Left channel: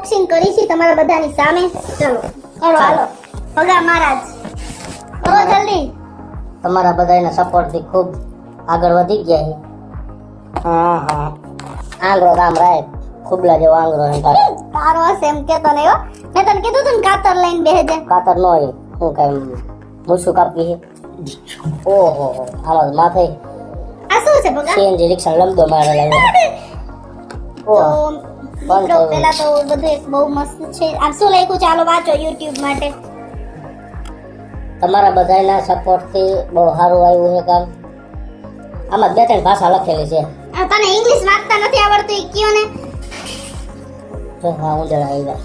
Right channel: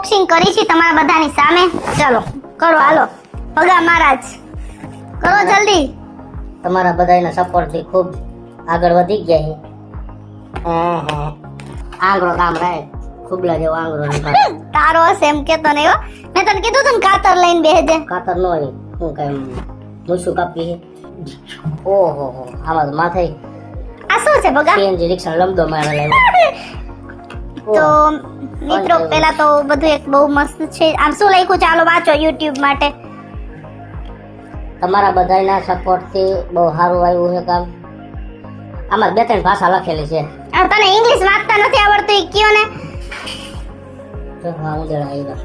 Unboxing કરી છે તમારા બધાની સામે. ચલો કરો, હાલો ભગા મહારાજ કરો જલ્દી. તમારા બધાના સપોર્ટ થી ખૂબ આગળ વધી ગયા. આંગળો કામ રાય, ખુબલા જેવો આંગળો રાય. તારો હશે એમ કેતો નહીં હો. મેં તને કીધું તું ને કાતર લઈને બેહજે. કાતર નો હોય, હું કઈ મૂછું કાપી. ઓહો, આમાં માથે આ શું છે ભગા? સીએનજી રિક્ષા લબડો મારેલો. તો મિત્રો પેલા તો બધું એક બહુ મસ્ત છે. આમ શું લખ્યું ચાલો વાંચો YouTube માટે. તમારા બધાના સપોર્ટ થી બહુ સારું આવ્યું છે કામ. આમાં બે ત્રણ ભાષા લખેલી છે. આ તને ઇંગ્લિશ વાંચતા નથી આવડતું એ કયો ને. તો આવું જણાવ્યું.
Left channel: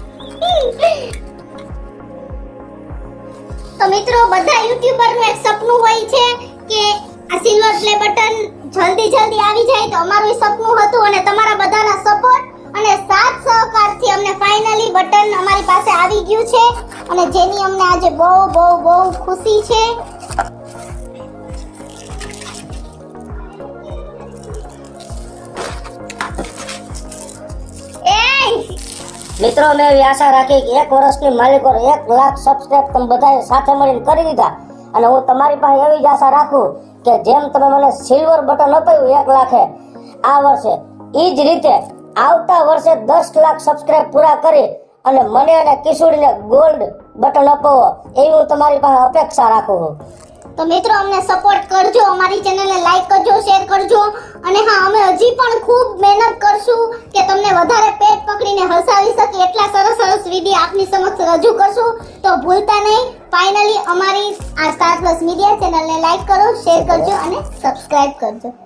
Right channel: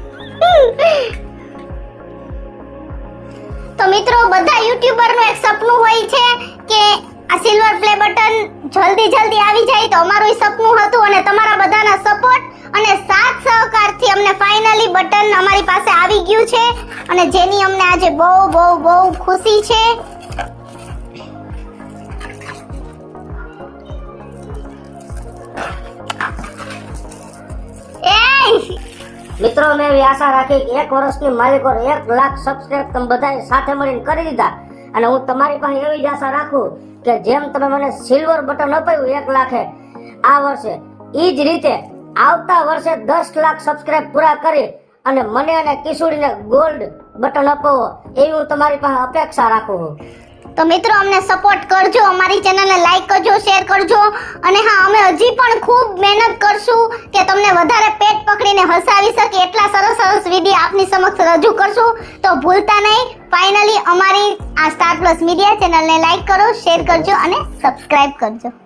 તો મિત્રો બધા યુટ્યુબર નું એક સપનું હોય છે કે આ સિલ્વર પ્લે બટન જલ્દી આવી જાય. તો અમારું ઈ સપનું હતું અને તમારા બધાના સપોર્ટ અને સાથ સહકારથી અમને ફાઇનલી બટન અમારી પાસે આવી ગયું છે અને જેની અમને આજે બહુ બહુ બહુ ખુશી છે. મિત્રો મેં એવી આશા રાખી કે 1 વર્ષની માલિકો 1 લાખ સબસ્ક્રાઇબ તમે બધાએ સાથે મળીને કરી દીધા અને હું તમારી પાસે એવી જ આશા રાખું કે જેમ તમે મને સિલ્વર બટન અપાયું 1 લાખે આ વર્ષે ઈ જ રીતે આવતા વર્ષે 10 લાખ સબસ્ક્રાઇબ પૂરા કરી અને મને અને કિશોરીને ગોલ્ડ બટન અપાવો એવી હું તમારી પાસે અપેક્ષા રાખું છું. તો મિત્રો અમને સપોર્ટ કરજો, અમારી ચેનલને લાઈક કરજો, શેર કરજો અને હા અમે હજી પણ ખૂબ મહેનત કરશું કે તમને વધારે પેટ પકડીને હસાવી શકીએ એટલા સરસ વિડીયો આપની સમક્ષ રજૂ કરશું. તો ભૂલતા નહીં ફાઇનલી અમારી આ સ્ટાર પ્લસ મીડિયા ચેનલને લાઈક કરો, શેર કરજો અને સબસ્ક્રાઇબ કરજો.